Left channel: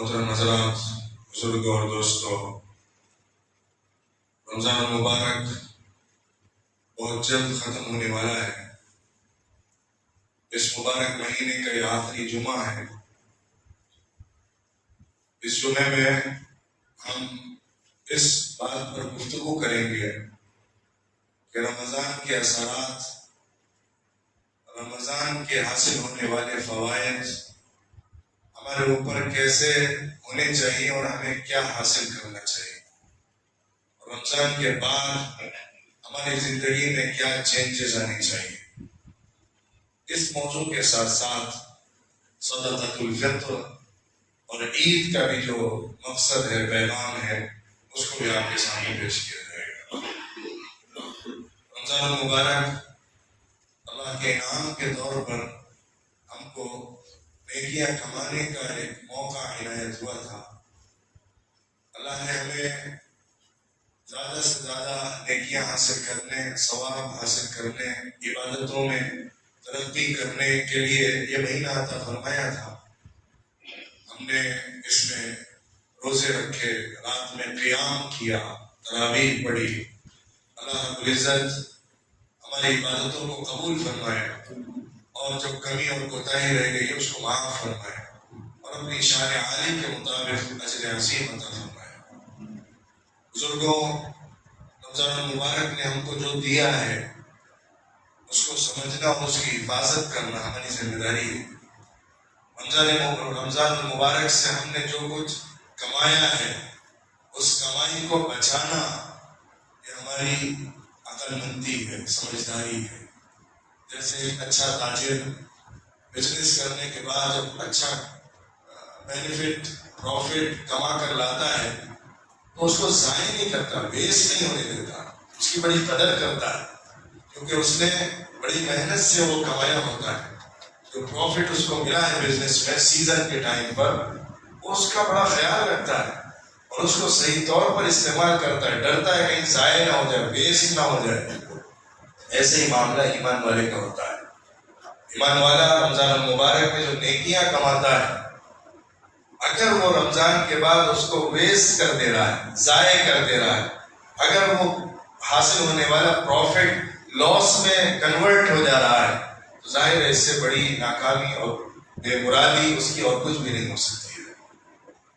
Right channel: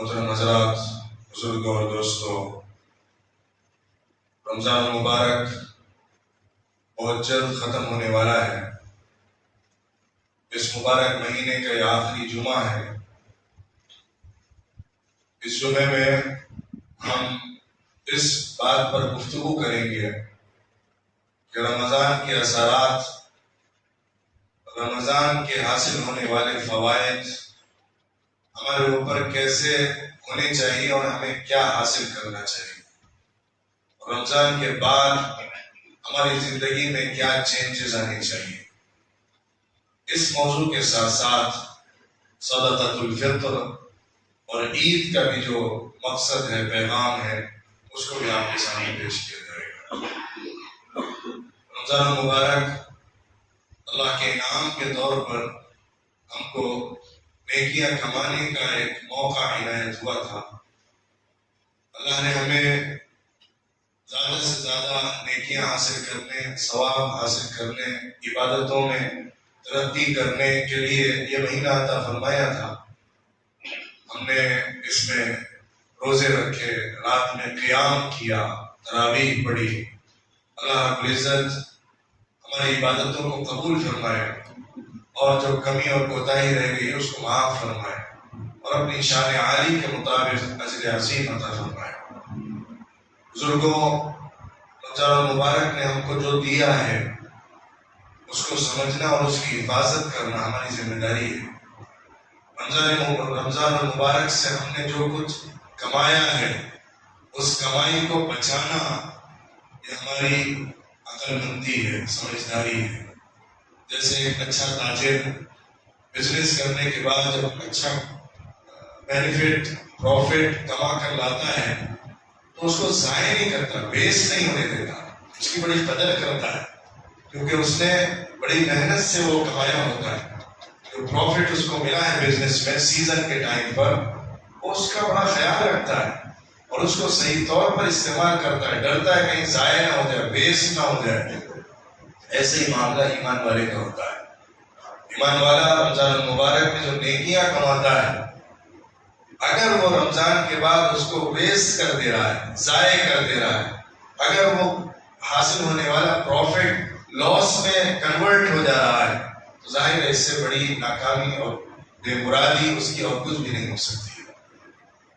محترم حضرات، بزرگوں اور دوستوں، رمضان المبارک بہت جلد ختم ہونے والا ہے۔ اس مبارک مہینے کا یہ آخری جمعہ ہے۔ اس جمعے میں ہم اس بات پر گفتگو کریں گے کہ رمضان کے اثرات، رمضان کے حاصل ہونے والے فوائد ہمارے اوپر کیسے ہونے چاہیے اور ہمیں کیا حاصل کرنا چاہیے، رمضان کے بعد ہماری زندگی میں کیا چینجز آنے چاہیے۔ اس موضوع کے ساتھ ساتھ صدقۃ الفطر اور عید کا بھی جو مقصد ہے، پیغام ہے، اس کو بھی آپ کے سامنے پیش کیا جائے گا۔ رمضان المبارک اللہ کے انعام کے طور پر ہم کو نیکیاں کمانے کا ایک موقع عنایت ہوا تھا۔ اللہ نے ہمیں زیادہ سے زیادہ نیکیاں حاصل کرنے، ثواب حاصل کرنے، عبادتوں میں ترقی کرنے کے لیے یہ مہینہ عطا فرمایا تھا۔ ہم نے اس میں روزے رکھے، رات میں قیام کیا، تراویح پڑھی۔ اللہ رب العزت ہماری عبادتوں کو قبول فرمائے اور جو کمی اور کوتاہی رہ گئی ہے اس کو معاف فرمائے اور اپنی شان عالی کے مطابق اجر عظیم عطا فرمائے۔ بزرگوں، رمضان المبارک نے ہم کو جو دیا ہے اس کو سمجھنا اور اس کی حفاظت کرنا ہماری ذمہ داری ہے۔ رمضان المبارک سے ہم نے جو کچھ کمایا ہے اس کمائی کو بچانا یہ ہماری عقل مندی ہے، سمجھداری ہے۔ جیسے ایک اچھا تاجر بزنس کرنے کے بعد جب اچھا بینیفٹ، پروفٹ کما کر لاتا ہے تو اس کو ضائع نہیں کرتا، ویسٹ نہیں ہونے دیتا، اس کی بڑی قدر کرتا ہے، کیونکہ اس نے بڑی محنت سے وہ کمایا ہوتا ہے۔ جو پروفٹ اس کو ملا ہے بزنس میں سیزن کے ٹائم پر، وہ اس کا بڑا خیال رکھتا ہے اور اس کو صحیح طور پر استعمال کرتا ہے، ڈرتا ہے کہیں ضائع نہ ہو جائے، ویسٹ نہ ہو جائے۔ ایسے ہی معاملہ ایمان والے کا ہوتا ہے۔ ایمان والا رمضان المبارک میں جو نیکیاں کماتا ہے، اگر وہ رمضان کے بعد اس کو ویسٹ کر دے رہا ہے، ضائع کر دے رہا ہے، اگر وہ حاصل ہونے والا پروفٹ لاس میں کنورٹ ہو جا رہا ہے تو ظاہر ہے اس سے بڑی ناکامی اور بے مرادی اس کی اور کچھ بھی نہیں ہو سکتی ہے۔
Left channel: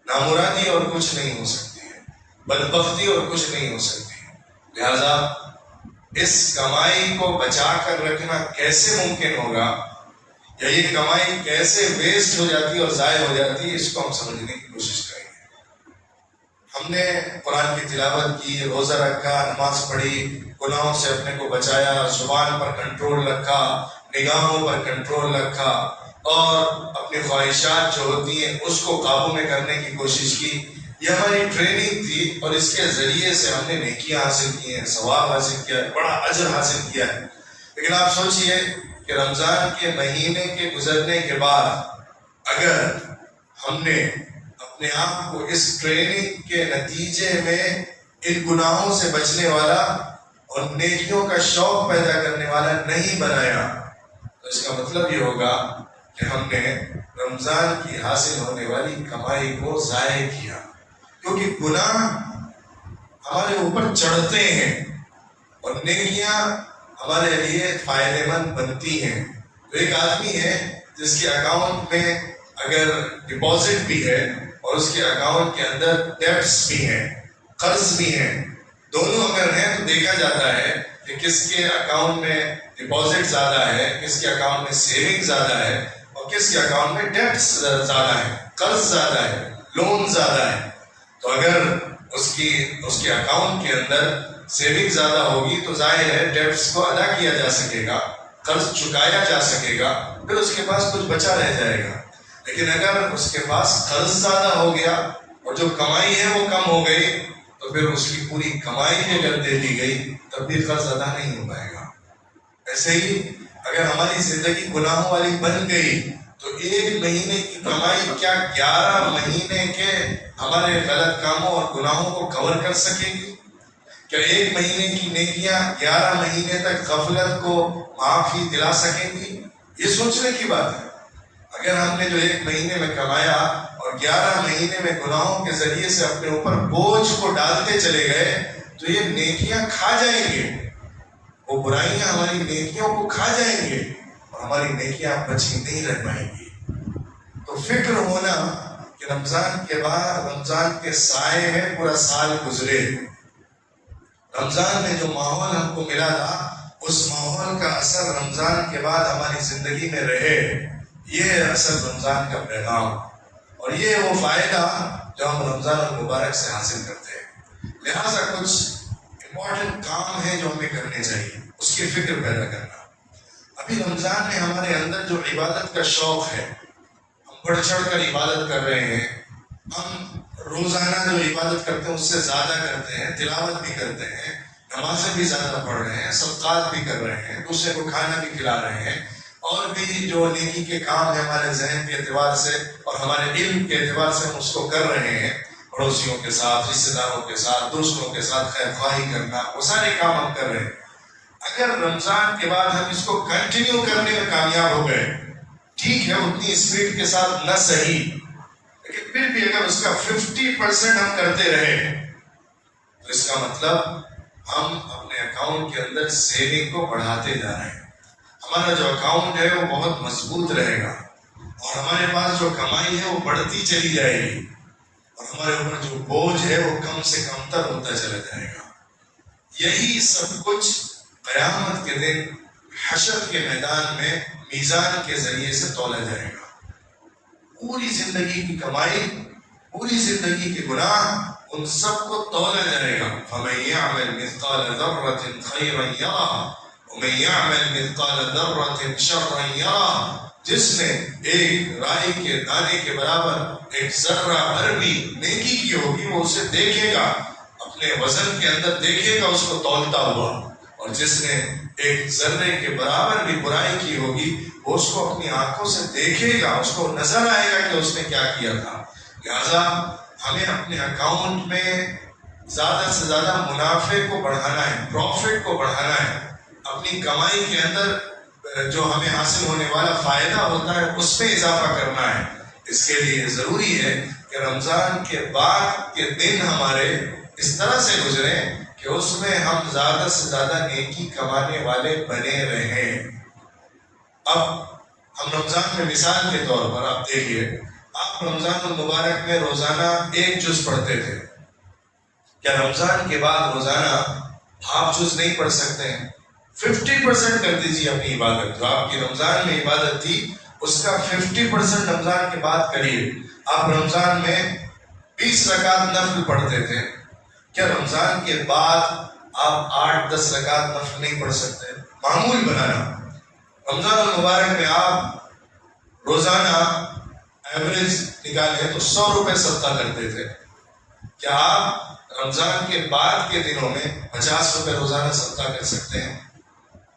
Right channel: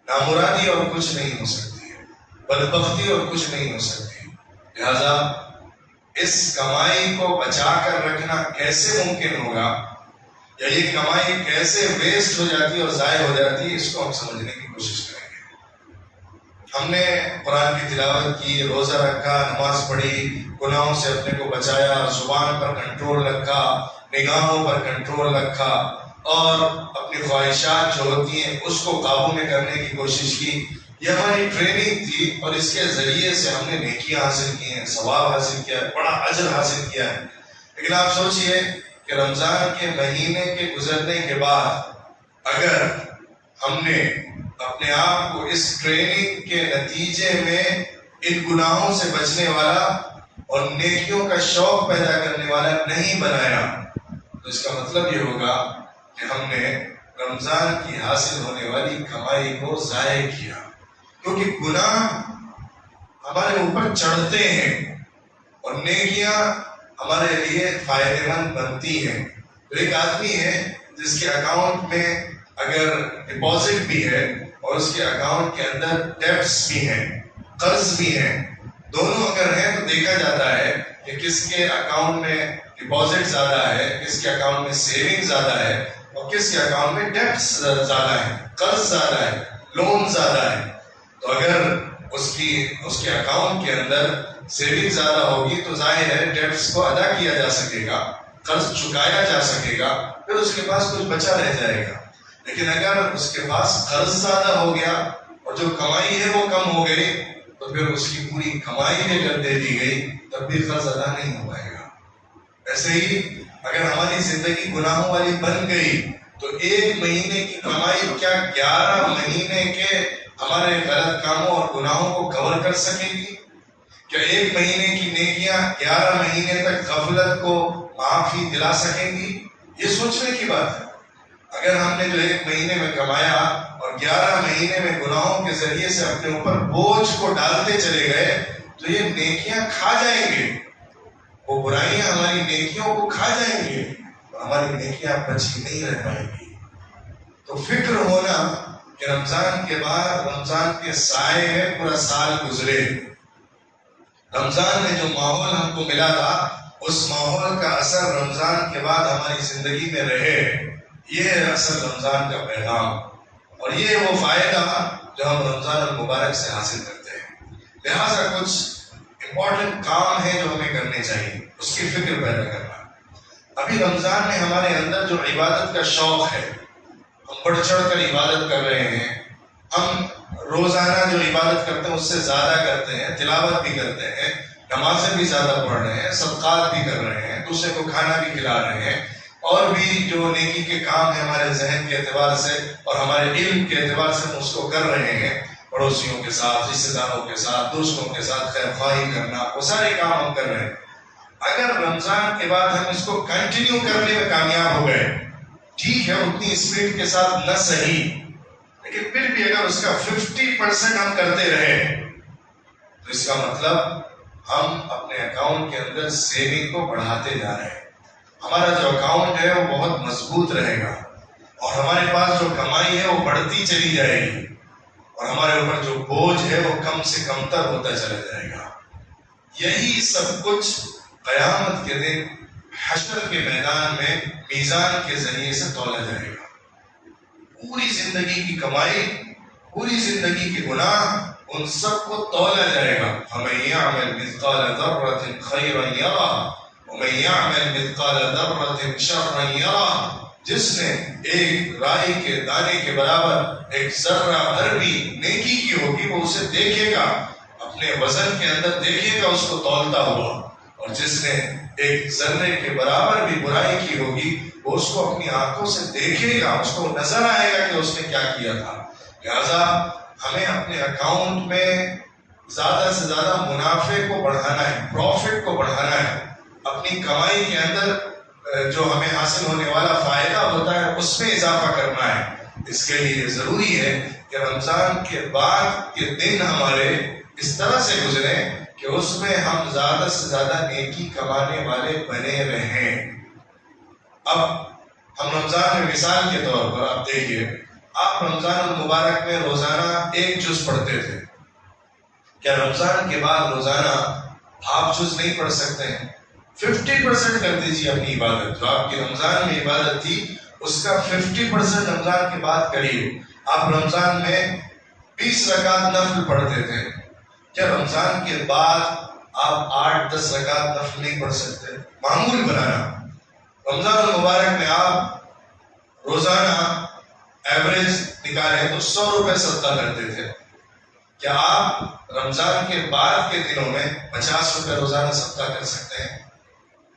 نامرادی اور کچھ نہیں ہو سکتی ہے، بدبختی اور کچھ نہیں ہو سکتی ہے۔ لہذا اس کمائی کو بچا کر رکھنا کیسے ممکن ہوگا، یا یہ کمائی کیسے ویسٹ ہو جاتی ہے اور ضائع ہو جاتی ہے، اس کو ہم سمجھنے کی کوشش کریں گے۔ ہم نے قرآن کی تلاوت کی، روزہ رکھا، نماز پڑھی، گناہوں سے اپنے کو بچایا، زبان پر کنٹرول رکھا، نگاہوں پر کنٹرول رکھا اور اپنی خواہشات جو ہوتی ہیں اس کو قابو میں کرنے کی کوشش کی۔ یہ ہماری ٹریننگ تھی اور اس کے ذریعے سے ہم نے نیکیاں حاصل کی ہیں، ثواب حاصل کیا ہے، بڑا اجر حاصل کیا ہے۔ لیکن آپ سوچئے کہ رمضان کے مہینے کے گزرنے کے بعد اگر ہم نے اپنے آپ کو اس ٹریننگ کے نتیجے میں ان گناہوں سے بچنے والا اور نیکیوں کا شوق پیدا کرنے والا نہیں بنایا تو اس کا مطلب یہ ہوگا کہ ہم نے رمضان کی حاصل ہونے والی کمائی کو ضائع کیا، کیونکہ گناہ ہمارے اوپر چڑھتے ہیں اور نیکیاں ہمارے لیے فائدہ مند بنتی ہیں۔ تو ایک آدمی ہے جس کے اکاؤنٹ میں اگر ڈپازٹ بھی ہے اور اس کے اکاؤنٹ کے اندر ڈیبٹس بھی ہیں، قرض بھی ہیں، دونوں اگر ہیں تو دیکھا جاتا ہے کہ کس کے اکاؤنٹ میں ڈپازٹ زیادہ ہے، کس کے اکاؤنٹ میں سیونگ زیادہ ہے اور کس کے اکاؤنٹ میں ڈیبٹس زیادہ ہے، قرض زیادہ ہے، لون زیادہ ہے۔ تو اگر اس کے اکاؤنٹ کے اندر سیونگ زیادہ ہوگی تو ظاہر ہے ڈیبٹس کو ادا کیا جا سکے گا، قرض چکایا جا سکے گا، پھر اس کے پاس کچھ بچا رہ جائے گا۔ لیکن اگر اس کے پاس قرض زیادہ ہو گیا اور جو کمائی ہے وہ کم ہو گئی تو پھر اس کی پوری کمائی بھی اگر دے دی گئی تب بھی قرض ادا نہیں ہو پائے گا۔ ایسے ہی اگر ہماری زندگی گناہوں والی بن گئی تو ایک مہینے کی کمائی کیا 11 مہینے کے ہمارے غلط کاموں اور گناہوں کو کور کر سکے گی؟ کیا ایک مہینے کی نیکیاں 11 مہینے تک غفلت کو معافی دلا سکیں گی؟ یہ سوچنے کی بات ہے۔ اگر ہم نے جو ایک مہینے میں کمایا اور اور 11 مہینے میں گناہوں کے ذریعے سے اپنے اوپر بوجھ کو ڈالتے چلے گئے تو یہ نیکیاں کھا جائیں گے، وہ برائیاں ہماری نیکیوں کو کھا جائیں گے اور ہماری نیکیاں بچی نہیں رہ پائیں گی۔ تو فکر ہونا کہ رمضان کے بعد رمضان کے سائے میں پورا سال گزرے، رمضان میں جو ماحول ہم کو ملا تھا اس ماحول کا اثر رمضان کے بعد ہماری زندگی میں رہے، یہ اصل رمضان کا پیغام اور یہ وہ فائدہ جو ہم رمضان المبارک سے حاصل کرتے ہیں۔ لہٰذا کچھ امپورٹنٹ کام ہیں جو ہمیں کرنے چاہیے، اس کی فکر پیدا کرنا۔ ابھی رمضان میں ہمارے اندر جو عبادت کا شوق ہے، ہم بڑھ چڑھ کر عبادت کر رہے ہیں، ہم روزانہ جو عبادت کرتے ہیں اس سے زیادہ کرتے ہیں، تلاوت بھی کرتے ہیں، نمازیں بھی زیادہ پڑھ رہے ہیں، صدقات بھی کر رہے ہیں، دوسرے کو کھانا بھی کھلا رہے ہیں، اور بھی جو نیکی کے کام ہیں ہمارے ذہن کے اعتبار سے اور ہمارے علم کے اعتبار سے ہم اس کو کر رہے ہیں، پڑوسیوں کے ساتھ، رشتے داروں کے ساتھ، دوستوں کے ساتھ خیر خواہی کرنا، وہ سارے کام ہم کر رہے ہیں۔ اگر رمضان کے بعد ہم اس کو کنٹینیو کرنے میں کامیاب ہو گئے، ٹھیک ہے اتنی اسپیڈ کے ساتھ نہ صحیح، لیکن پھر بھی اگر اس کا 50% ہم کرتے رہے تو اس کا مطلب ہم اپنے اکاؤنٹ کے اندر سیونگ کو بڑھاتے جا رہے ہیں، ہمارا جو اکاؤنٹ ہے وہ بہت مضبوط رہے گا اور ہمارے پاس جو کمائی ہے وہ بڑھتی چلی جائے گی اور ہمارے اوپر جو بوجھ ہے وہ کم سے کم تر ہوتا چلا جائے گا۔ یہی سب کچھ قیامت کے دن حشر کے میدان میں میزان کے ذریعے سے تولا جائے گا۔ پوری زندگی کی کمائی، پوری زندگی کے گناہ، ان سب کو تولا جائے گا۔ فَمَن يَعْمَلْ مِثْقَالَ ذَرَّةٍ خَيْرًا يَرَهُ وَمَن يَعْمَلْ مِثْقَالَ ذَرَّةٍ شَرًّا يَرَهُ، جس نے ایک رائی کے دانے کے برابر ایک ذرہ بھر بھی نیکی کی ہوگی وہ اسے دیکھے گا، اپنے وزن کے اندر دیکھے گا اس کو تولتا ہوا، اور جس نے ایک ذرے کے برابر بھی برائی کی ہوگی وہ اس کو اپنی آنکھوں سے دیکھے گا، اس کو نظر آئے گا کہ اس نے کیا کیا تھا۔ لہذا ہمیں اپنے اکاؤنٹ میں زیادہ سے زیادہ منافع کو بڑھانا ہے، پروفٹ کو بڑھانا ہے، اپنی کمائی کے اندر جو ہمیں حاصل ہونے والا فائدہ ہوتا ہے اس میں اضافہ کرنا ہے۔ اس کے لیے ضروری ہے کہ رمضان کے بعد کے دن ہمارے اس طرح سے گزریں کہ اس میں ہم زیادہ سے زیادہ نیکی کمانے والے بنے رہیں۔ اب ہم رمضان میں مثال کے طور پر آپ دیکھیے، آپ رمضان المبارک میں روزانہ 1 جز پڑھتے تھے، کیا رمضان کے بعد روزانہ آپ جز نہیں پڑھ سکتے ہیں؟ 50% کر دیجیے اپنی عبادت، جو آپ کی رمضان میں عبادت تھی اس کا 50% رمضان کے بعد کریے۔ آپ رمضان میں 20 رکعت نفل پڑھتے تھے، کیا رمضان کے بعد آپ 8-10 رکعت نفل نہیں پڑھ سکتے؟ معمول بنانا۔ رمضان المبارک میں آپ روزانہ ایوریج نکالیں تو 100 روپے صدقہ کرتے تھے، کیا آپ رمضان کے بعد کے دنوں میں 50 روپے روزانہ صدقہ کر سکتے ہیں؟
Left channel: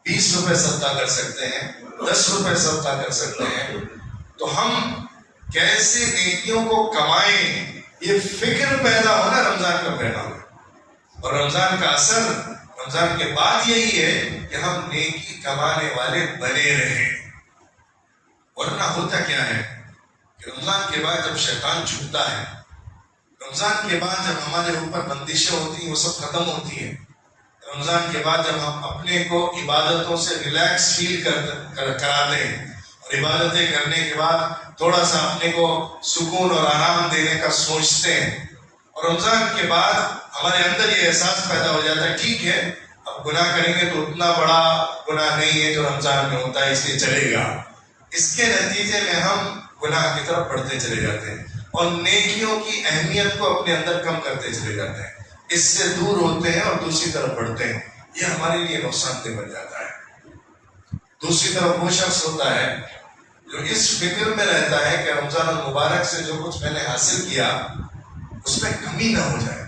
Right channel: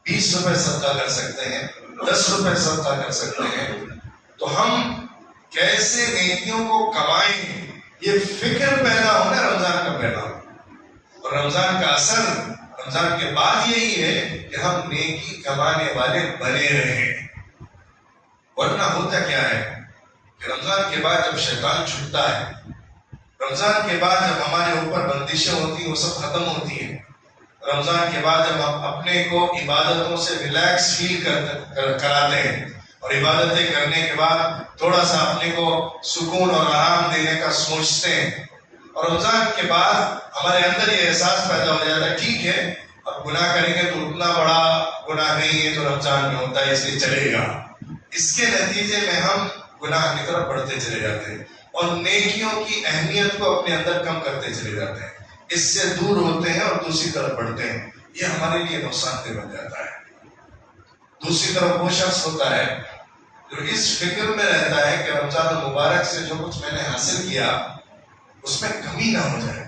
20 روپے صدقہ کر سکتے ہیں؟ 10 روپے صدقہ کر سکتے ہیں؟ تو ہم کیسے نیکیوں کو کمائیں، یہ فکر پیدا ہونا رمضان کا پیدا ہونا، اور رمضان کا اثر رمضان کے بعد یہی ہے کہ ہم نیکی کمانے والے بنے رہیں۔ ورنہ ہوتا کیا ہے کہ رمضان کے بعد جب شیطان چھپتا ہے، رمضان کے بعد جب ہمارے اوپر بندشیں ہوتی ہیں وہ سب ختم ہوتی ہیں، رمضان کے بعد جب ہم اپنے کو عبادتوں سے ریلیکس فیل کراتے ہیں اور عبادتیں کرنے کے بعد تھوڑا سا اپنے کو سکون اور آرام دینے کا سوچتے ہیں، اور رمضان کے بعد ہمارے اندر یہ احساس پیدا ہو جاتا ہے ٹھیک ہے اب گناہ کریں گے تو اتنا بڑا گناہ نہیں ہے جو رمضان میں ہوتا ہے اس لیے چلے گا۔ اس کے نتیجے میں ہم گناہ کی طرف بڑھتے چلے جاتے ہیں اور نیکیوں کی اہمیت کو اپنے اندر کم کرتے چلے جاتے ہیں، اس سے دور ہوتے ہیں اور دوسری طرف بڑھتے ہیں، یہ ہمارے لیے نقصان دہ بن جاتا ہے۔ دوسری طرف وہ شخص ہوتا ہے جو اس فکر میں رہتا ہے کہ رمضان المبارک سے جو کچھ میں نے حاصل کیا اس میں کمی نہ ہو جائے،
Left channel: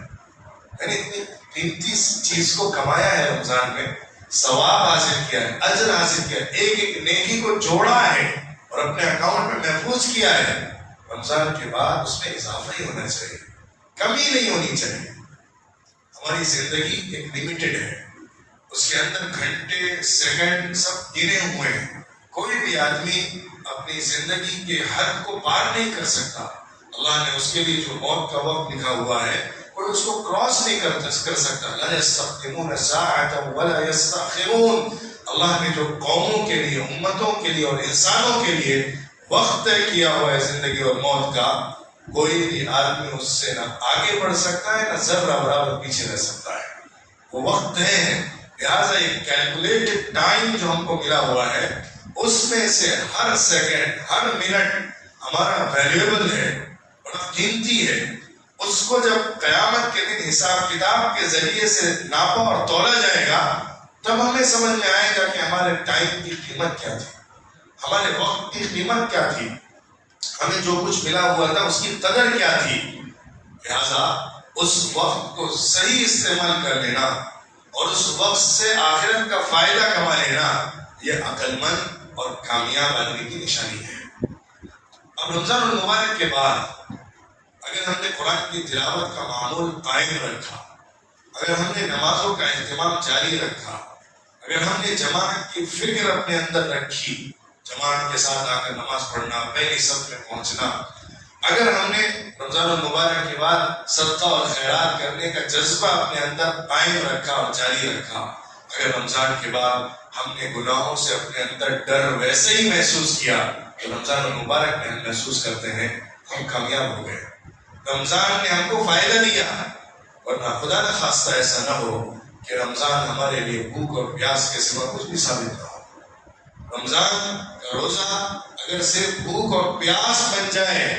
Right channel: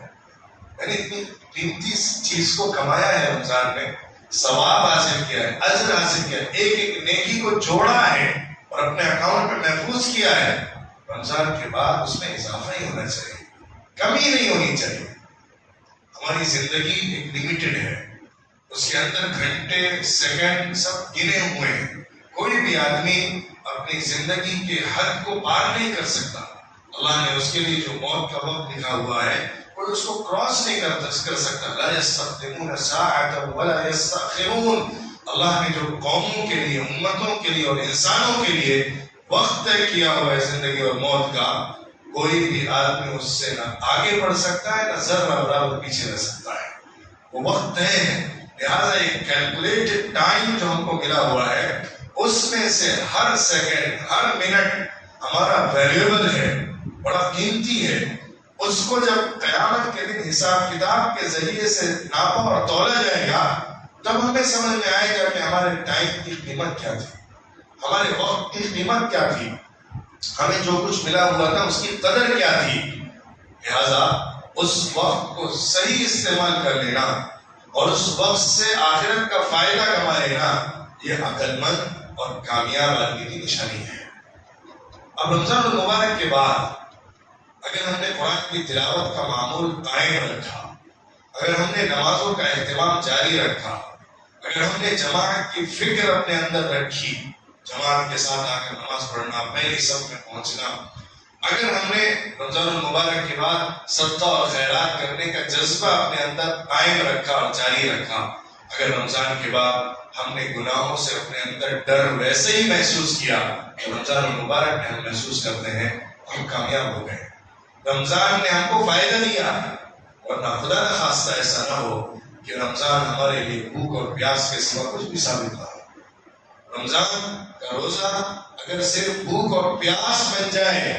یعنی اتنی قیمتی چیز کو کمایا ہے رمضان میں، ثواب حاصل کیا ہے، اجر حاصل کیا ہے، ایک ایک نیکی کو جوڑا ہے اور اپنے اکاؤنٹ میں محفوظ کیا ہے، رمضان کے بعد اس میں اضافہ ہی ہونا چاہیے، کمی نہیں ہونی چاہیے۔ ہماری زندگی ایک لمیٹڈ ہے، اس کے اندر گھنٹے سیکنڈ سب گنے ہوئے ہیں، کوئی بھی آدمی اپنی زندگی کے حد کو پار نہیں کر سکتا۔ اللہ نے اس کے لیے جو موت کا وقت لکھا ہوا ہے کوئی اس کو کراس نہیں کر سکتا. لا یستقدمون ساعۃ ولا یستأخرون. اللہ نے جو قوموں کے لیے، امتوں کے لیے اور انسانوں کے لیے وقت طے کیا ہوا ہے زندگی اور موت کا، کوئی بھی آدمی اس سے نہ آگے بڑھ سکتا ہے نہ ذرہ برابر پیچھے رہ سکتا ہے. وہ وقت طے ہے. لہٰذا ایک کیلکولیٹڈ ٹائم جو ہم کو ملا ہوا ہے، اس میں سے ہر سیکنڈ ہر منٹ ہمارا ویلیوبل ہے، بڑا قیمتی ہے. اس کو جب قیامت کے دن حساب کتاب کے ذریعے سے ناپا اور تولا جائے گا، تب ہمیں سمجھ میں آئے گا کہ ہمارے ٹائم کی قیمت کیا تھی، ہمارے وقت کی قیمت کیا تھی، ہمیں جو کچھ ملا ہوا تھا اس کی قدر کیا تھی. لہذا اس وقت کو صحیح استعمال کر لینا اور اس وقت سے آخرت کا فائدہ کما لینا، یہ عقل مند اور کامیاب آدمی کی نشانی ہے. اب رمضان المبارک کے بعد اگر ہم نے قرآن کی تلاوت کا معمول قائم رکھا، اگر ہم نے نمازوں کا اہتمام جاری رکھا، اگر ہم نے جماعت کی فکر اپنے اندر رکھی، جماعت کے ساتھ آ کر نماز پڑھنا، پہلی صف میں پہنچنا، اگر ہم نے رمضان المبارک کے بعد صدقہ اور خیرات کرنے کا جذبہ اپنے اندر قائم رکھا اور جاری رکھا، اگر رمضان کے بعد ہم نے گناہوں سے اپنے اندر ڈر ویسے ہی محسوس کیا تو رمضان المبارک میں ہم محسوس کرتے ہیں ہم کامیاب ہو گئے، رمضان نے ہم کو فائدہ دیا. ورنہ خدا نہ خواستہ ایسا نہ ہو کہ رمضان ہمارے لیے بھوک اور پیاس کے سوا کچھ بھی ثابت نہ ہو. رمضان کا روزہ اگر صرف بھوک اور پیاس بن جائے،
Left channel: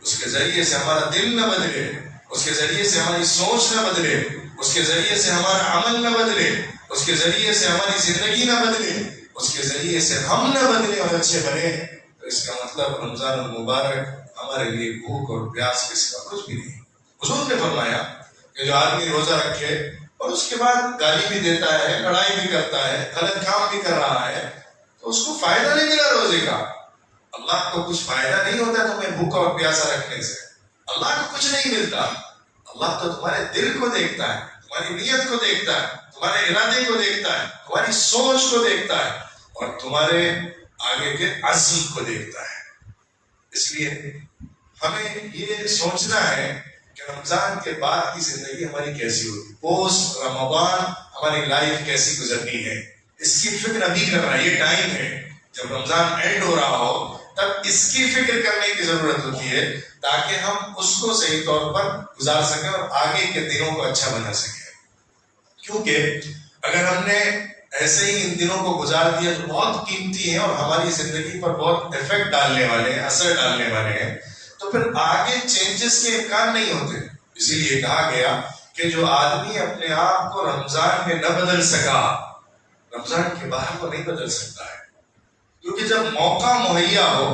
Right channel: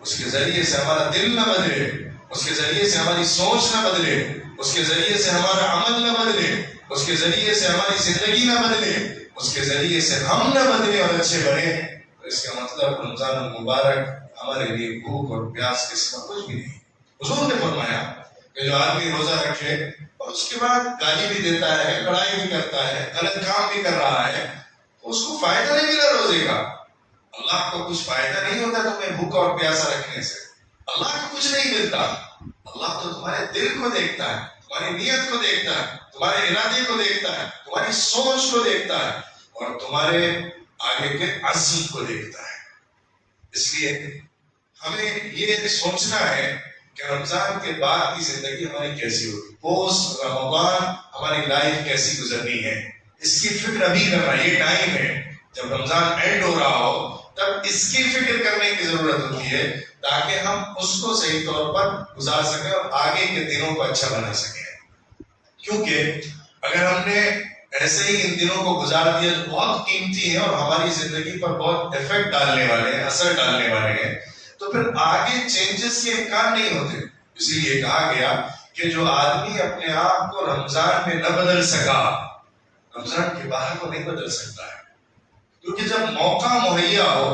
اس کے ذریعے سے ہمارا دل نہ بدلے، اس کے ذریعے سے ہماری سوچ نہ بدلے، اس کے ذریعے سے ہمارا عمل نہ بدلے، اس کے ذریعے سے ہماری زندگی نہ بدلے، اس کے ذریعے سے ہم نہ بدلے اور اچھے بنے، تو اس کا مطلب رمضان المبارک ہمارے لیے بھوک اور پیاس کے سوا کچھ بھی نہیں. حضور نے فرمایا کہ جو آدمی روزہ رکھے اور اس کے بعد گالی بھی دیتا ہے، لڑائی بھی کرتا ہے، غلط کام بھی کر رہا ہے، تو اس کو فائدہ نہیں ملا روزے کا. اللہ کو کچھ فائدہ نہیں ہوتا تمہیں بھوکا اور پیاسا رکھنے سے. اللہ کو کچھ نہیں ملتا. اللہ تو تمہارے دل کو دیکھتا ہے، تمہاری نیت کو دیکھتا ہے، تمہارے ارادے کو دیکھتا ہے، تمہاری سوچ کو دیکھتا ہے اور تمہارے آگے کے عزم کو دیکھتا ہے. اس لیے ہمیں یہ سوچنا ہے کہ رمضان کے بعد کی زندگی ہماری کیسی ہوگی، پوسٹ رمضان ہماری لائف کیسی گزرنی ہے، اس کی فکر ابھی کرنا. یہ ٹائم ہے جب رمضان اینڈ ہو رہا ہو تب اس کی فکر کرنے کی ضرورت ہوتی ہے تاکہ ہم اس کو صحیح طور پر گزار سکیں اور آگے کے دنوں کو اچھا بنا سکیں. کیونکہ اگر ہم نے ایسے ہی ان دنوں کو گزار دیا جو بہت قیمتی ہیں اور ہماری زندگی پر بہت افیکٹ ڈالنے والے ہیں، اثر ڈالنے والے ہیں، تو پھر آگے چینجز کے امکان نہیں ہوتے. اسی لیے کہا گیا کہ جو آدمی اپنے آپ کو رمضان میں نہ بدل سکا، رمضان کے باہر کو نہیں بدل سکتا ہے. کیونکہ جب موقع مہیا ہو،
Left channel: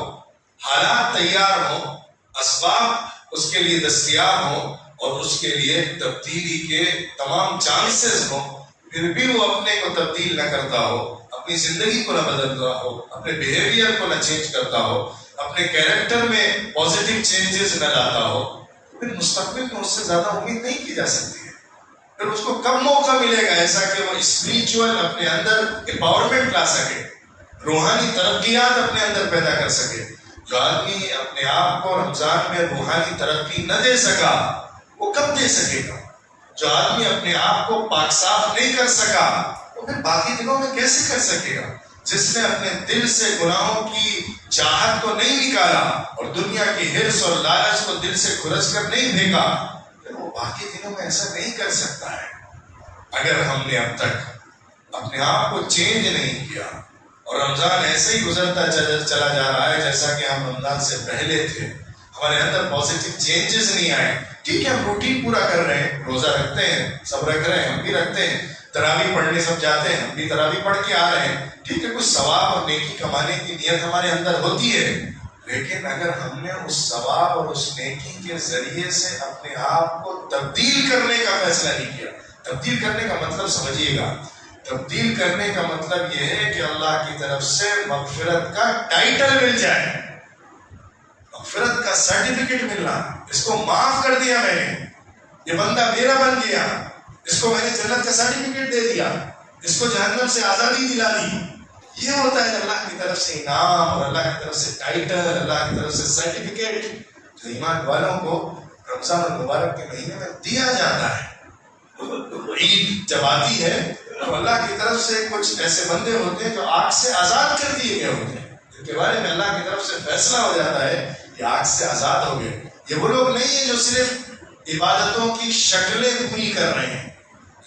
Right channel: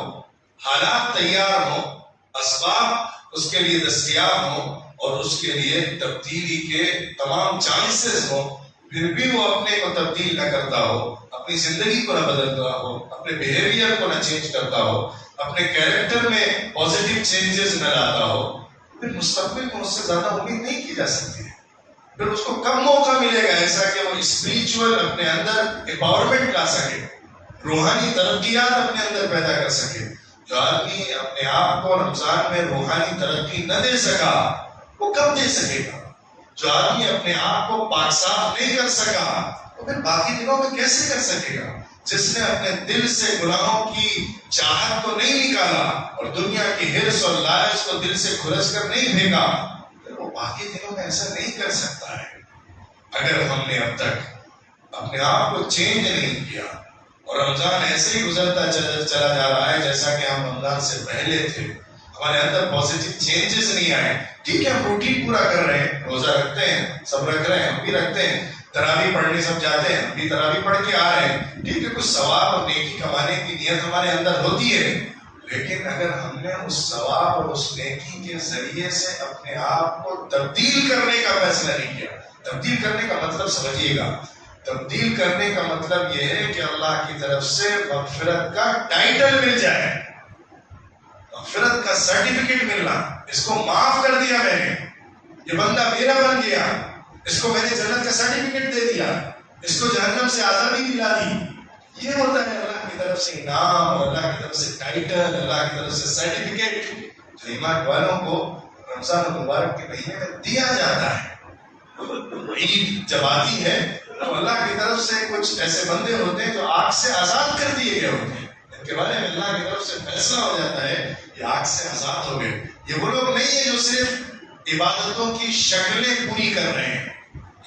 حالات تیار ہوں، اسباب اس کے لیے دستیاب ہوں اور اس کے لیے تبدیلی کے تمام چانسز ہوں، پھر بھی وہ اپنے کو تبدیل نہ کرتا ہو، اپنی زندگی کو نہ بدلتا ہو، اپنے بیہیویئر کو نہ چینج کرتا ہو، اپنے کیریکٹر میں پازیٹیو چینجز نہ لاتا ہو، پھر مستقبل میں اس سے زیادہ امید نہیں کی جا سکتی ہے. پھر اس کو کم موقع ملے گا ایسا کہ وہ اسپریچول اپنے اندر امپاورمنٹ لا سکے، روحانی ترقیات اپنے اندر پیدا کر سکے. جو آدمی اپنے آپ کو رمضان میں روحانی ترقی نہ دے سکا وہ کب دے سکے گا؟ جو آدمی اپنے آپ کو پاک صاف نہیں کر سکا وہ پھر باقی دنوں میں کیسے کر سکے گا؟ جس نے اپنے دل سے گناہوں کی چاہت کو نہیں نکالا اور دنیا کی حرص اور لالچ کو دل سے کھرچ کر نہیں پھینکا، پھر وہ باقی دنوں میں ایسا نہیں کر سکتا ہے. اگر ہم نے اب تک اپنے آپ کو چینج نہیں کیا اور رمضان ایسے ہی گزرتا چلا جا رہا ہے جیسا کہ ہم رمضان سے پہلے تھے، ہمارے اندر پازیٹیو چینجز نہیں آئے. ٹھیک ہے، ہم روٹین پورا کر رہے ہیں، روزہ رکھتے ہیں، سب رکھ رہے ہیں، ہم بھی رکھتے ہیں، تراویح پڑھنے سب جاتے ہیں، ہم بھی تراویح پڑھ کے آ رہے ہیں، ٹھیک ہے، کچھ ثواب اور نیکی کمانے کی نیت ہمارے اندر ہوتی ہے. لیکن اگر ہم نے اس ثواب اور اس نیکی کے ذریعے سے اپنے آپ کو تبدیل کرنے کا فیصلہ نہیں کیا، تبدیل کرنے کا مطلب سمجھیے گا، تبدیل کرنے کا مطلب یہ ہے کہ اللہ کی طرف سے مغفرت کا ٹائٹل مل جائے، مغفرت کا سرٹیفکیٹ ملنا، اس کو معاف کر دیا میں نے، یہ بندہ میرا بن گیا، اس کو میں نے جنت کا سرٹیفکیٹ دے دیا، اس کو جہنم سے آزادی دلا دی. یہ ہوتا ہے اللہ کی طرف سے انعام اور اللہ کی طرف سے ٹائٹل، اللہ کی طرف سے سرٹیفکیٹ. جو ایمان والوں کو رمضان المبارک کے مہینے میں دیا جاتا ہے. عید جب آتی ہے تو اللہ کی طرف سے کچھ ایسے بندے ہوتے ہیں جو آگ سے آزاد کر دیے گئے ہوتے ہیں، ان کے بارے میں اللہ کی طرف سے فیصلہ ہو جاتا ہے یہ آگ سے آزاد ہو گئے. یہ وہ لوگ نہیں ہیں جو صرف عبادتوں کی شکلیں پوری کر رہے ہیں،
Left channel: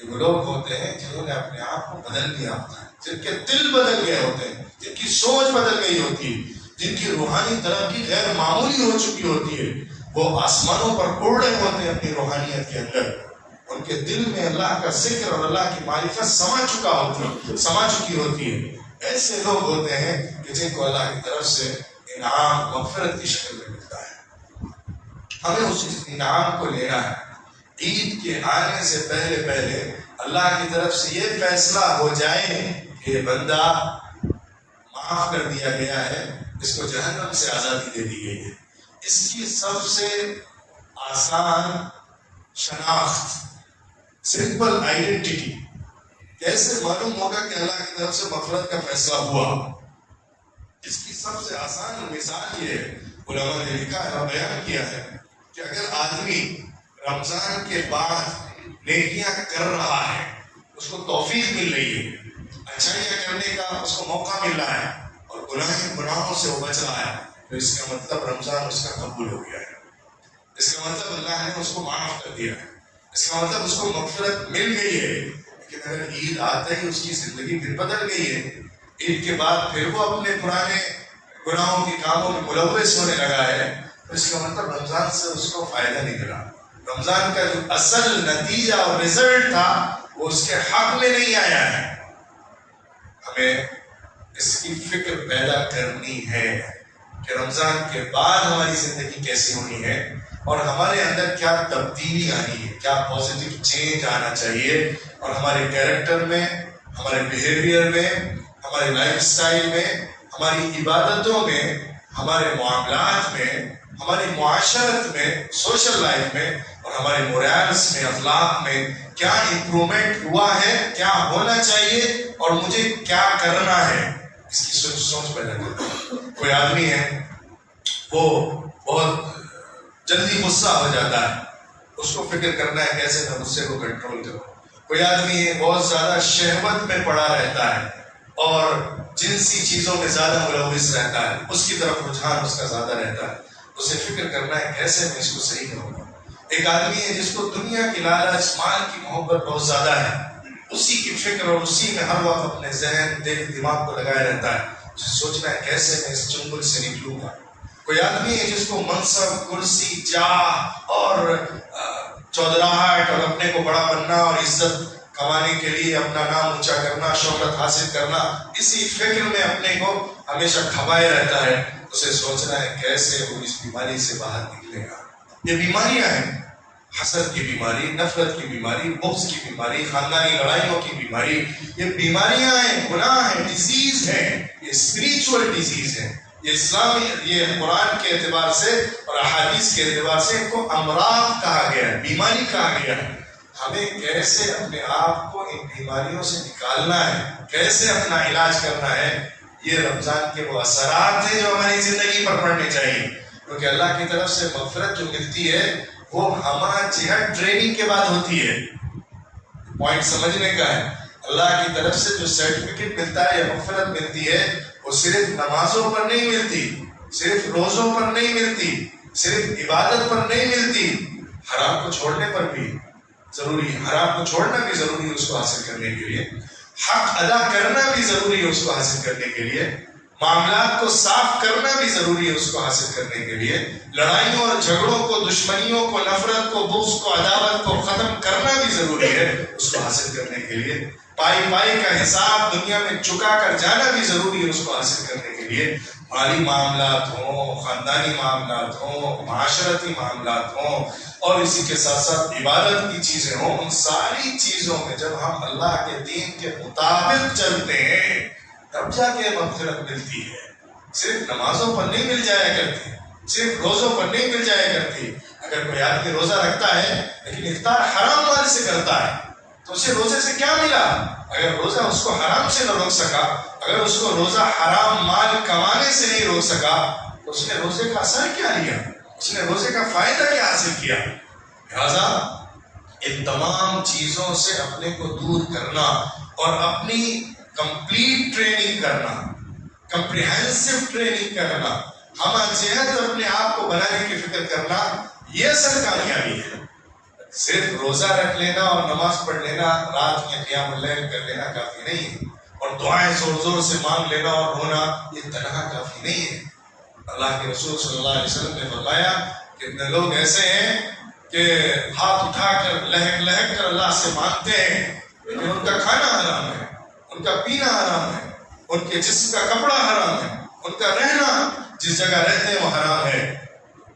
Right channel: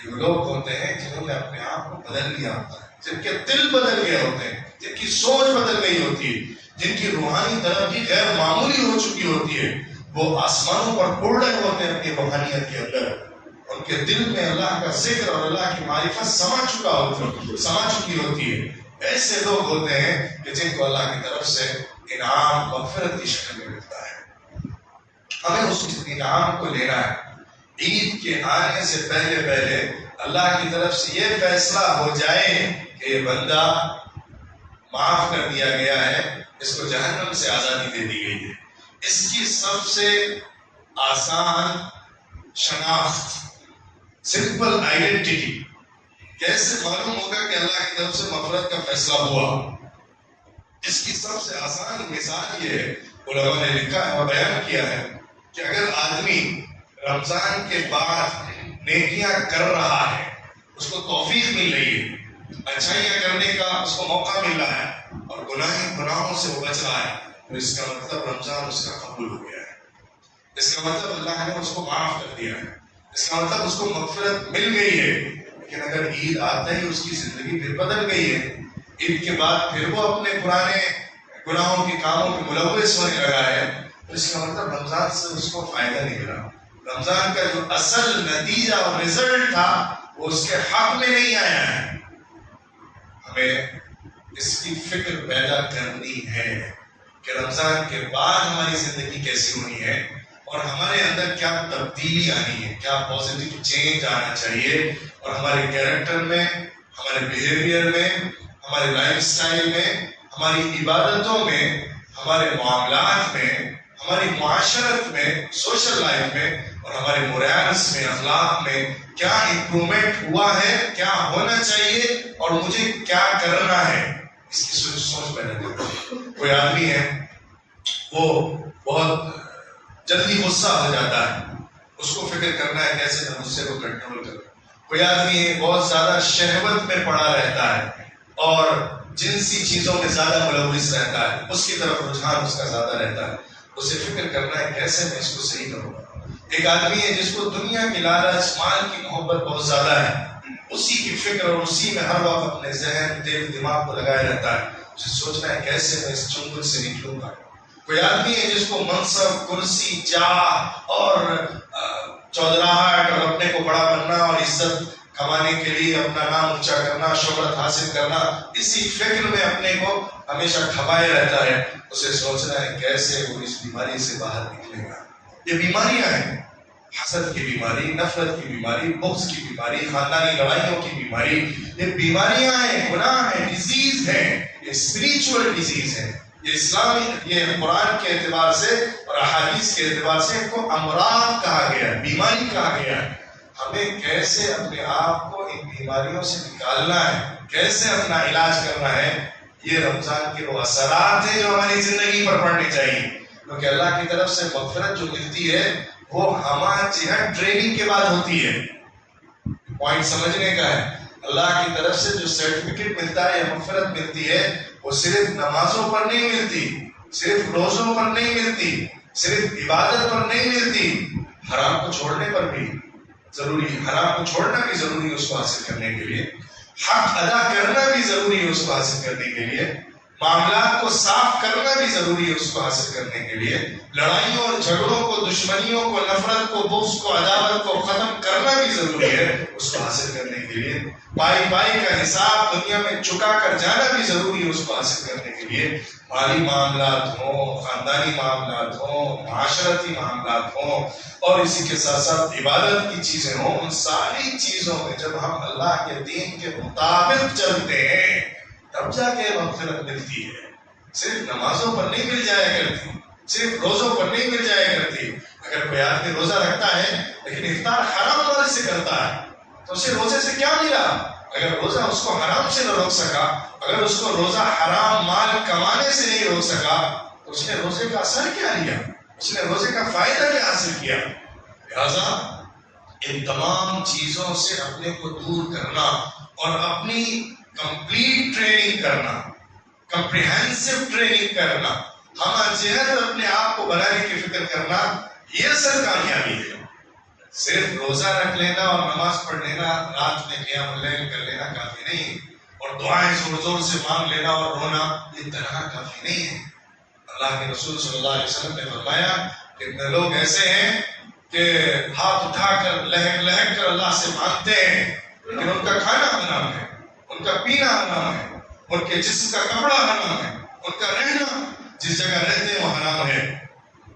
یہ وہ لوگ ہوتے ہیں جنہوں نے اپنے آپ کو بدل لیا ہوتا ہے، جن کے دل بدل گئے ہوتے ہیں، جن کی سوچ بدل گئی ہوتی ہے، جن کی روحانی ترقی غیر معمولی ہو چکی ہوتی ہے. وہ آسمانوں پر اڑ رہے ہوتے ہیں اپنی روحانیت کے اندر. ان کے دل میں اللہ کا ذکر اور اللہ کی معرفت سما چکی ہوتی ہے. ایسے لوگ ہوتے ہیں کہ جن کو اللہ کی طرف سے انعام مغفرت کی شکل میں ملتا ہے. ہمیں اس انعام کو لینا ہے. عید کے آنے سے پہلے اللہ کی طرف سے یہ فیصلہ ہو جائے کہ یہ بندہ معاف کر دیا گیا ہے، اس کو جہنم سے آزادی دے دی گئی ہے. اس کی سب سے آسان شناخت، سمپل آئیڈینٹی کیسے معلوم ہوگا کہ اللہ کی طرف سے مغفرت کا فیصلہ ہوا؟ اس کی سب سے آسان مثال یہ ہے، علماء نے لکھا ہے اور بیان کیا ہے کہ اگر آدمی رمضان کے بعد نیکیاں کر رہا ہے، اس کو توفیق مل رہی ہے، اچھائیاں کرنے کا اس کو موقع مل رہا ہے اور گناہوں سے وہ بچ رہا ہے، تو اس کا مطلب رمضان اس کا قبول ہو گیا ہے. اس کا مطلب اللہ نے اس کو معاف کر دیا ہے، اس کا مطلب اس کو مغفرت مل گئی ہے. لیکن اگر عید آتا ہی اس کی زندگی پھر بدل گئی ہے، عید کے بعد پھر وہ اپنے پرانے گناہوں کے کاموں میں ملوث ہونے لگا ہے، تو اس کا مطلب رمضان سے اس کو فائدہ نہیں ملا. رمضان کا جو اصل نتیجہ اور رزلٹ تھا وہ اس کے حق میں نہیں آیا ہے. ہمیں اس کی فکر پیدا کرنی ہے کہ رمضان کے بعد ہماری زندگی کیسی ہونی ہے اور ہمارے اندر کیا تبدیلی آنی ہے، کیا پازیٹیو چینج آنا چاہیے، اور ہمارے کیریکٹر میں، ہمارے بیہیویئر میں، ہمارے لائف سٹائل میں، ہماری عبادتوں میں، ہمارے معاملات میں، ہماری معاشرت میں، سوشل لائف میں، اور ہمارے مورالس میں، اخلاق میں کیا امپرومنٹ ہوا ہے، کیا ہونا چاہیے اور مجھے کیا کرنا ہے. اس کی سوچ پیدا کرتا. کوئی آدمی ہے وہ بہت جلدی غصہ ہو جاتا ہے، اس کو فکر کرنا ہے کیسے میں غصے کو کنٹرول کروں. کوئی آدمی ہے بہت زیادہ شہوت میں پڑا رہتا ہے اور جنسی چیزوں میں زیادہ ملوث رہتا ہے، اس کی طرف رجحان اس کا زیادہ رہتا ہے. اسے فکر کرنا ہے کیسے میں اس کو صحیح کروں گا. ایک آدمی ہے جس کو دنیا کی لالچ، مال کی محبت بہت زیادہ ہے، اسی کی فکر اور اسی میں ہر وقت اپنے ذہن، دل، دماغ کو لگائے رہتا ہے. اسے سوچنا ہے کیسے میں اس چنگل سے نکلوں گا. کوئی آدمی ہے جس کو منصب، کرسی، جاہ اور چودراہٹ اور اپنے کو بڑا بننا اور عزت کمانے کے لیے اپنا نام اونچا کرنا، شہرت حاصل کرنا، اسی فکر میں اپنے کو ہمیشہ کھپائے رہتا ہے. اسے سوچنا ہے کیسے وہ اس بیماری سے باہر نکلے گا. یہ بیماریاں ہیں، حسد کی بیماری، نفرت کی بیماری، بغض کی بیماری، خاندانی لڑائیوں کی بیماری. یہ بیماریاں ہیں، گناہ ہیں، ڈیزیز ہیں، یہ اسپریچول ڈیزیز ہیں. یہ اسلامی، یہ قرآن کے اعتبار سے اور احادیث کے اعتبار سے ان کو امراض کہا گیا ہے، بیماری کہا گیا ہے. ہمیں کیسے اپنے آپ کو ان بیماریوں سے نکالنا ہے، کیسے اپنا علاج کرنا ہے، یہ رمضان کے وہ اثرات ہیں جو ہماری زندگی پر پڑنے چاہیے. کیونکہ اللہ کی طرف سے مغفرت جو ملتی ہے وہ ہمارا جہاد ٹریننگ کے بعد ہوتی ہے. پوائنٹ سمجھنے کا ہے. اللہ کی طرف سے جو سرٹیفکیٹ ملتا ہے یا مغفرت ملتی ہے وہ صرف نمازوں پر نہیں ملتی، صرف روزوں پر نہیں ملتی، صرف عبادت پر نہیں ملتی، حرام کو چھوڑنے پر بھی ضروری ہے. حرام کو چھوڑنا بھی ضروری ہے اس کو حاصل کرنے کے لیے، حق ادا کرنا بھی ضروری ہے اس کو حاصل کرنے کے لیے، معاملات کو صاف کرنا بھی ضروری ہے اس کو حاصل کرنے کے لیے، لڑائیوں اور جھگڑوں کو، دشمنیوں کو، نفرت کو، بغض کو، عداوت کو ختم کرنا بھی ضروری ہے اس کو حاصل کرنے کے لیے، پائی کا حساب دنیا میں چکا کر جانا بھی ضروری ہے اس کو حاصل کرنے کے لیے. مالی معاملات ہوں، خاندانی معاملات ہوں، معاشرتی معاملات ہوں، اور اسی کے ساتھ ساتھ عبادت کی چیزیں ہوں، ان ساری چیزوں میں جب ہم اللہ کے دین کے مطابق چلتے ہیں تب جا کے مغفرت ملتی ہے. صرف نمازوں پر نہیں مل جایا کرتی، صرف روزوں پر نہیں مل جایا کرتی. اگر کوئی آدمی روزہ رکھتا ہے لیکن افطار حرام مال سے کرتا ہے تو اسے روزے سے کیا ملا؟ اگر روزہ اس کو حرام سے نہ روک سکا، اگر اس کو روزہ حرام مال کمانے سے نہیں روک سکا تو اس نے روزے کا اثر کیا لیا؟ اس نے روزے کا فائدہ کیا حاصل کیا؟ لہذا ان تمام چیزوں سے اپنے کو دور کرنا اور اپنی کمپلیٹ ٹریننگ کرنا، کمپریہنسو ٹریننگ کرنا، ہم جہت اپنے آپ کو بنانے کی فکر کرنا، یہ اصل کامیابی ہے۔ صرف روزہ رکھ لینا اور نماز پڑھ لینا، رات میں قیام اللیل کر لینا کافی نہیں، اور دعائیں زور زور سے مانگ لینا اور رونا یہ تنہا کافی نہیں ہے۔ اللہ کے رسول صلی اللہ علیہ وسلم نے فرمایا کہ اتنے لوگ ایسے ہیں کہ ہاتھ اٹھا کر لہک لہک کر اللہ سے مانگتے ہیں، لیکن ان کا کھانا حرام ہے، ان کا پینا حرام ہے، ان کے جسم کا کپڑا حرام ہے، ان کا رہنا جس جگہ رہتے ہیں وہ حرام ہے۔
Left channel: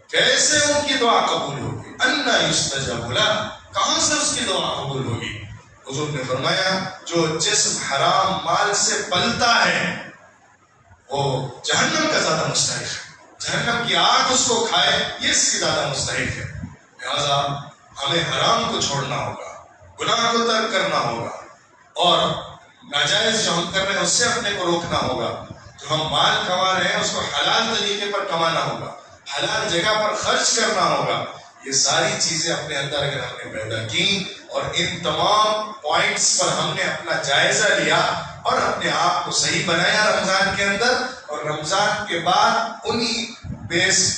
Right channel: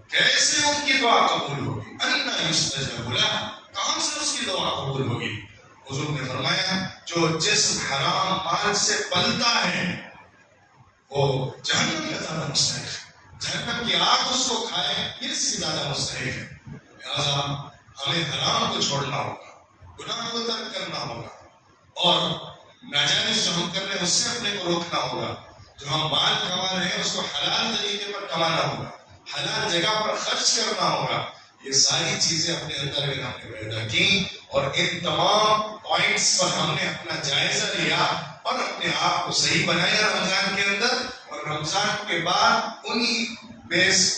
کیسے ان کی دعا قبول ہوگی؟ انا یستجاب لہ، کہاں سے اس کی دعا قبول ہوگی؟ حضور نے فرمایا جو جسم حرام مال سے پلتا ہے وہ جہنم کا زیادہ مستحق ہے، جہنم کی آگ اس کو کھائے یہ اس کی زیادہ مستحق ہے۔ لہذا ہمیں حرام کو چھوڑنا ہوگا، گناہ کو ترک کرنا ہوگا، اور ناجائز جو ہم کر رہے ہیں اس سے اپنے کو روکنا ہوگا۔ جو ہم مال کما رہے ہیں اس کو حلال طریقے پر کمانا ہوگا، حلال جگہ پر خرچ کرنا ہوگا۔ یہ ساری چیزیں اپنے اندر اگر ہم نے پیدا کی اور ان تمام پوائنٹس پر ہم نے اپنا جائزہ لیا اور اپنے آپ کو صحیح بنایا رمضان کے اندر، اور رمضان کے بعد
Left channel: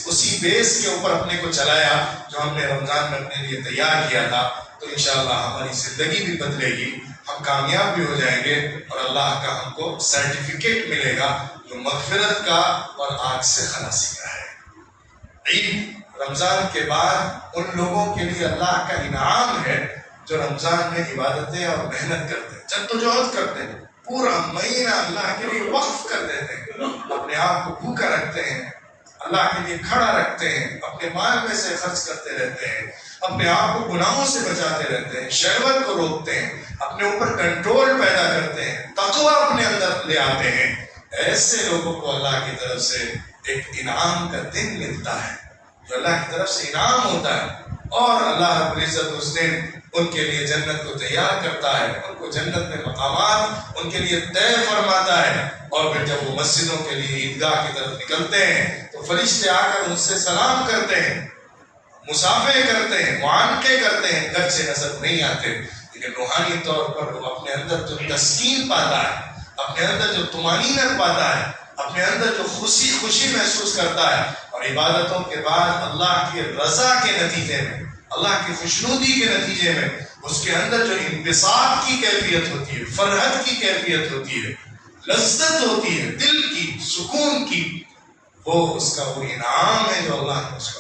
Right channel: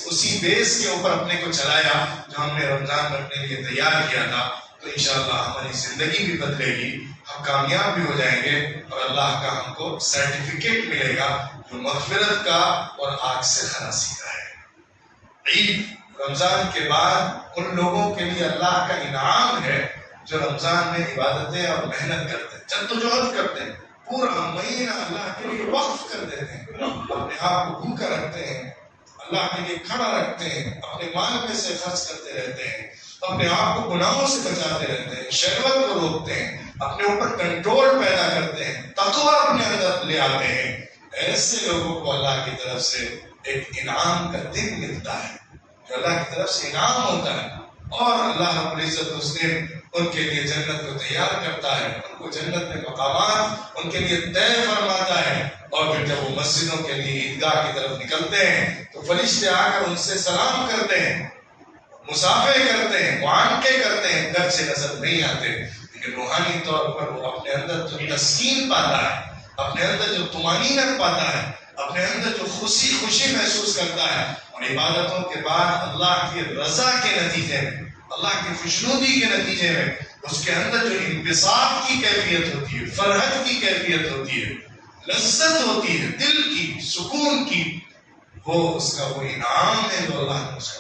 اسی بیس کے اوپر اپنے کو چلایا جو ہم نے رمضان میں اپنے لیے تیار کیا تھا، تو انشاءاللہ ہماری زندگی بھی بدلے گی، ہم کامیاب بھی ہو جائیں گے، اور اللہ کا ہم کو سرٹیفکیٹ ملے گا جو مغفرت کا اور آگ سے خلاصی کا ہے۔ عید رمضان کے بعد ان لوگوں کے لیے اللہ کا انعام ہے جو رمضان میں عبادتیں اور محنت کرتے ہیں، جدوجہد کرتے ہیں، پورا مہینہ اللہ کے لیے وقف کر دیتے ہیں، اپنے آپ کو بھوکا رکھتے ہیں، اللہ کے لیے کھڑا رکھتے ہیں، اپنے مال میں سے خرچ کرتے رہتے ہیں، اپنے آپ کو گناہوں سے بچاتے رہتے ہیں، شہوت کو روکتے ہیں، اپنے اوپر کنٹرول پیدا کرتے ہیں، تقویٰ اپنے اندر لے آتے ہیں۔ ایسے لوگوں کو اللہ کی طرف سے ایک انعام کا دن ملتا ہے جو اللہ کی طرف سے انعام ہوتا ہے، اور اللہ رب العزت اس دن ان کے لیے جنت کو تیار کرتا ہے، ان کو جنت میں مقامات ان کے لیے طے فرماتا ہے، اور پھر جب وہ مسجدوں کے لیے عیدگاہ کی طرف نکلتے ہیں تو فرشتے آ کر ان سے سلام کرتے ہیں، مصافحے کرتے ہیں، معانقے کرتے ہیں، گھر سے نظر نہیں آتے، لیکن روحانی طور پر وہ اپنے اندر جو تسکین پاتا ہے، اپنے اندر جو طمانینت پاتا ہے، اپنے اندر جو خوشی محسوس کرتا ہے، اور عبادتوں کے بعد اللہ کی رضا کے نتیجے میں، اللہ کی خوشنودی کے نتیجے میں اس کے اندر جو انبساط کی کیفیت ہوتی ہے، فرحت کی کیفیت ہوتی ہے، لذت ہوتی ہے، دل کی، سکون کی، وہ اس کا وہ انعام ہے جو اللہ نے اس کا